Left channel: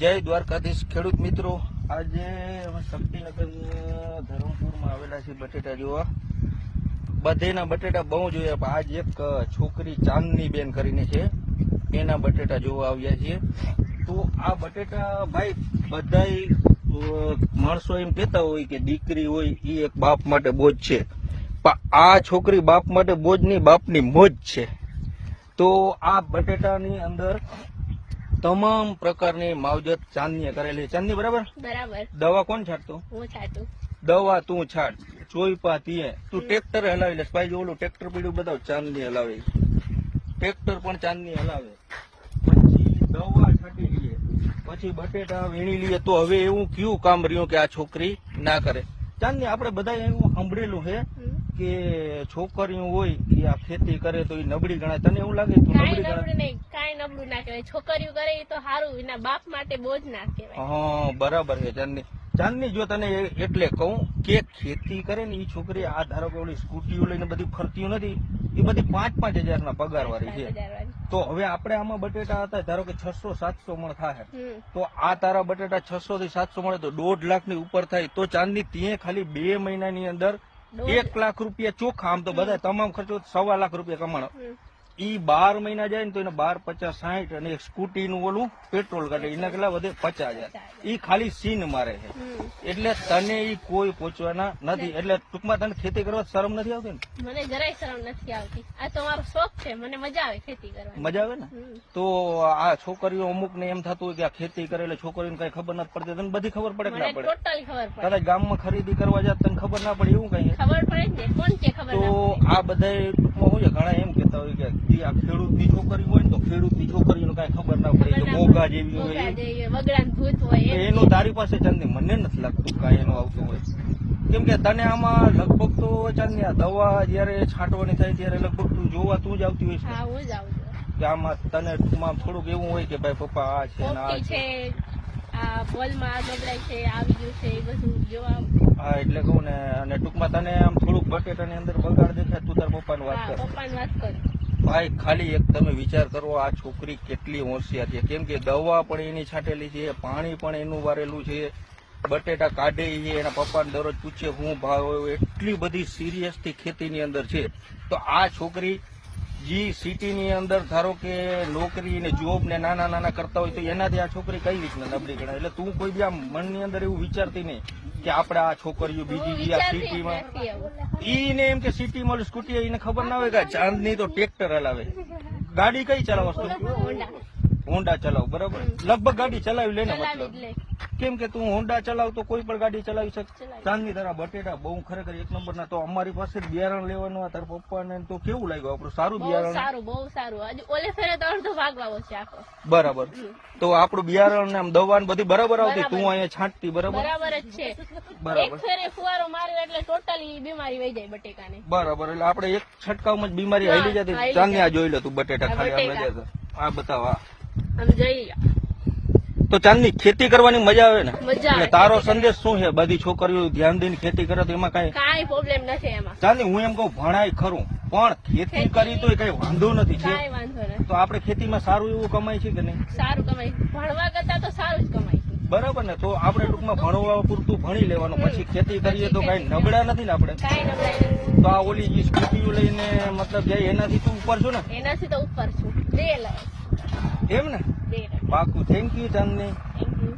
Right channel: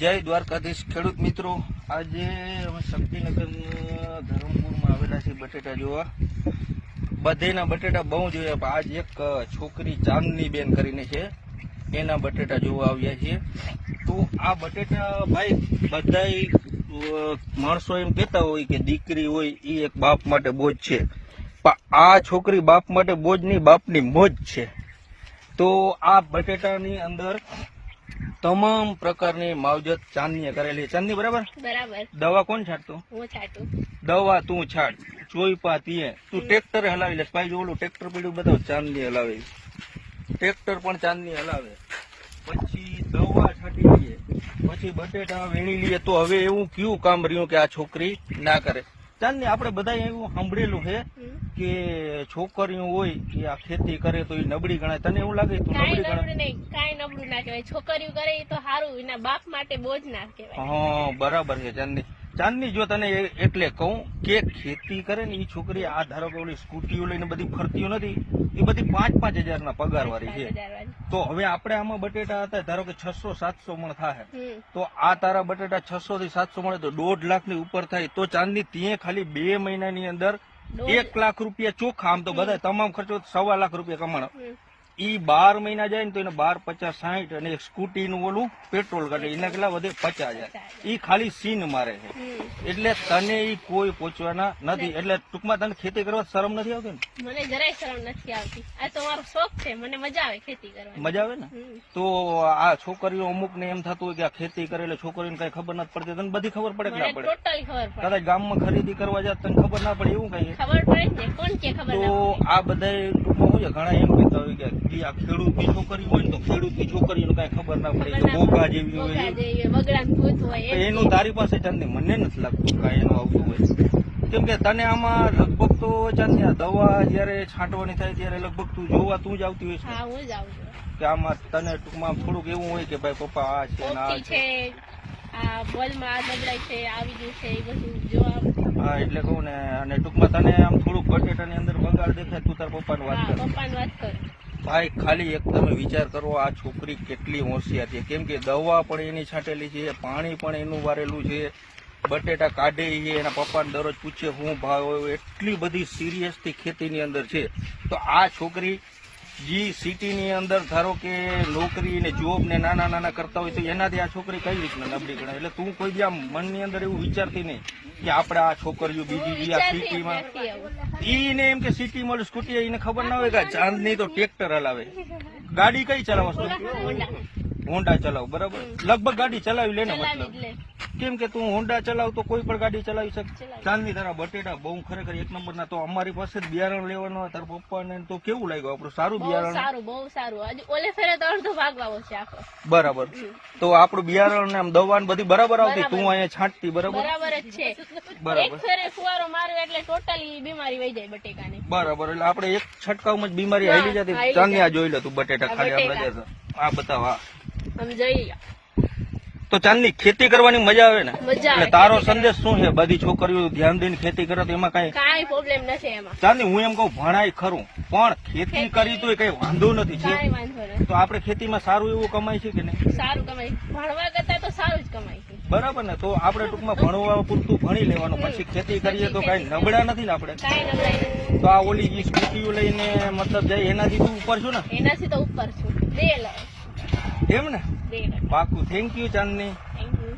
જય દ્વારકાધીશ ખેડૂત મિત્રો, આજે અમે શક્તિનગર ધરમપુરમાં આવેલા છીએ બટેટા જોવા. બધેના બટેટા બહુ જોયા, પણ આજ એક છોકરી ચાંદની બેન કરીને છે, એના બટેટા જોવા આવ્યા છીએ. તો આ બટેટા ભાઈ બધાય માણસો એમ કહેતા હોય કે દીકરી હોય એ એક બાપ માટે બોજ છે, પણ આ છોકરી બાપ માટે બોજ નહીં, બાપની મોજ છે. તો આ બટેટાની અંદર તમામ પ્રકારની માવજત ચાંદની કરેલી. ચાંદની બરાબર બરાબર. દવા કોણ છાંટતું? હું છાંટું. દવા તું છાંટ, ચોઈપા તીએ તું ટ્રેક્ટર હલાવી લેસ. ભાઈ ઓલું ટ્રેક્ટર પીડ્યું બધું ચાંદની હલાવે, ટ્રેક્ટર પણ ચાંદની હલાવે. પછી દવા છાંટી લઈએ, પછી બટેટા વીણી લઈએ. તો હવે એવું કયું કામ રહ્યું કે આ છોકરી ના કરે? ચાંદની આપણે બધા એવું સાંભળેલું છે કે છોકરીઓ હોય એ આ ખેતી કરે તો એ નબળી ગણાય. તને એવું લાગે તું નબળી ગણાય? કાંઈ નબળું ના કહેવાય. છોકરીઓ કરે એ તો સારું, એના બાપ માટે બોજ ના કહેવાય. હા બરાબર છે ચાંદની. ચાંદની જો તને એટલે કહું કે ખેતી કરે ને એ છોકરી, આ ધારો કે ઓલી સ્કૂટીઓ લઈને બધી ફરતી નથી, એ બધી 5-5 હજારના પગાર વાળી છે. તો હવે આપણે આમાં બટેટા હતા ધારો કે 600-700 મણ થાય, તો આ તારા બટેટા 600 થી 700 મળે તો 1.5 લાખ ની ઉપર થાય. તો ચાંદની ત્યાં ખાલી 2 મહિનાની અંદર 1 લાખ રૂપિયા ચોખ્ખા, આમ તો બધા તમામ ખર્ચો 1.25 લાખ રૂપિયા કમાણો. ઈ 12 મહિના જાય ને તો એને 12, 50, 60 અને સ્કૂટી નું ઓલું પેટ્રોલ કાઢે એના કેટલા વધે 50,000. ઈ ખાલી સીન મારે છે. એટલે તને ઈ કોઈ પહોંચવાના નથી. એટલે ટૂંકમાં તને ખેતી કરવા શરમ નથી આવતી ને? મને જરાય શરમ નથી આવતી. આ તો મારો શોખ છે, મને મજા આવે ખેતી કરવાની. મજા આવે ને? તો આ છોકરીઓ અમુક ને એમ થતું હોય કે આ ખેતી કરે એટલે છોકરીઓને કઈ ખબર નથી પડતી. તને બધી ખબર પડે કે ના પડે? ટોટલી ખબર પડે. કદાચ ગામમાં ખરીદી કરવા જાય તને ખબર ના પડે એવું કઈ? ખબર પડે ને, કોણ કે ખબર ના પડે? તો આ બધા ટૂંકમાં શું છે, ઘણા એમ કહેતા હોય કે આ ખેડૂતની છોકરી હોય ને તો ખેડૂતની છોકરીઓને કઈ ખબર ના પડે, તો મોગા જેવી હોય. એનું તારી પાસે ચાંદની મને નથી લાગતું કાંઈ એનું આવતું હોય. કેમ કે તને આમાં લગભગ તો ચાંદની આ દવા જયારે છાંટવાની થાય ત્યારે લગભગ તું જોવા તું જ આવતી હોય છે. હા, હું જ આવું છું. કે આમાં તને ટૂંકમાં થોડુંક એવું હોય કે ભાઈ પપ્પા આ છે ને આ છે, આ બોલમાં આ નબળાઈ છે, આવી ગયું છે, એ બધું જોવા. હા એટલે કહું ને. અને ટૂંકમાં તને આમ થોડુંક બટેટાની અંદર બગાડ દેખાય, તું તાર પપ્પાની વાત કર. પપ્પાની વાત કર. ભાઈ ખાલી એક તમે વિચાર કરો, આ છોકરી કેટલી હોશિયાર છે. કેમ કે દવા પણ એની છાંટેલી છે, પાણી પણ એનું વારેલું છે, બટેટા કાઢે છે, એના પપ્પાને દરરોજ પૂછે હું ભાવ હોય, એટલી બધી સિરિયસથી ખેતીની અંદર છે. તો આ છોકરી જે સિટીની અંદર ધારો કે નોકરી ને જોબ ને નાના નાના કરતા હોય તો એનાથી આ છોકરી કઈ રીતના નબળી ગણાય? એટલે તું કોઈ બી આમ મનની અંદર એવું વિચારતી નહીં કે આપણે આ છોકરીઓ બીજી આ સિટીમાં, ઈને એમ કે સિટીમાં સ્કૂટી એને ખબર ના હોય કે ચાંદની તો ટ્રેક્ટર હલાવે. ગાડી કઈ ચલાવસ તું? હોન્ડા ચલાવ, બરાબર. લગભગ ગાડી ચલાવી લે ને, મતલબ કેમ કે તું હોન્ડા ચલાવ તો કોઈ પણ ગાડી ચલાવી શકે. ચાંદની તારા બટેટા બહુ ખરેખર એક નંબર ના. તો અમારી પાસે જ બિયારણ લેવાનું તારા પપ્પાને તો કેવું લાગ્યું આપણું? સારું બિયારણ? સારું, બહુ સારું. ઓલે ફેરે તો અડધો ભાગ વાવો છે આખો. બરાબર. તો આપણું બિયારણ ને આમ દવા ને બધી બરાબર આવતી? તું અહીંયા છાંટતી બરાબર? બરાબર જ છે. બરાબર. એક ફેરે ફુવારો માર્યો એટલે ટોટલી બીમારી વહી જાય બટેકાની. બરાબર. એટલે આપણે એક છંટકાવમાં જ બીમારી હાલી જતી. ચાંદની આ જોઈ લે તું બટેટા ખાલી આ બતાવ. આમ જઈ તો ચાંદની ખેતી કરવાની મજા આવે ને? મજા આવે. તારો સંદેશ શું છે? બધી છોકરીઓ ધ્યાન દઈને ખેતી કરે તો એમાં કાંઈ પ્રોબ્લેમ નથી એમાં. ચાંદની હું એમ કહું ભણાય ખરું, પણ ખેતી કરી તો કઈ વાંધો નથી. કાંઈ વાંધો નથી. તો આપણે ખેતીમાં સારું એવું કમાય છે કે નહીં? સારું કમાય. ભણવા કરતા તો સારું જ કમાય છે. બરાબર ને? તો આપણે ટૂંકમાં ભણવા પૂરતું ભણી લેવાનું, પછી ખેતી કરીએ તો કઈ નબળા નથી ને આપણે? કાંઈ નબળાઈ નથી. તો આ ઓલી જે સ્કૂટીઓ લઈને મતલબ જાય એનાથી તું ઉપર છું ને? એનાથી તો ઉપર છું. એમ ને? પાકું. Thank you Chandni. Thank you.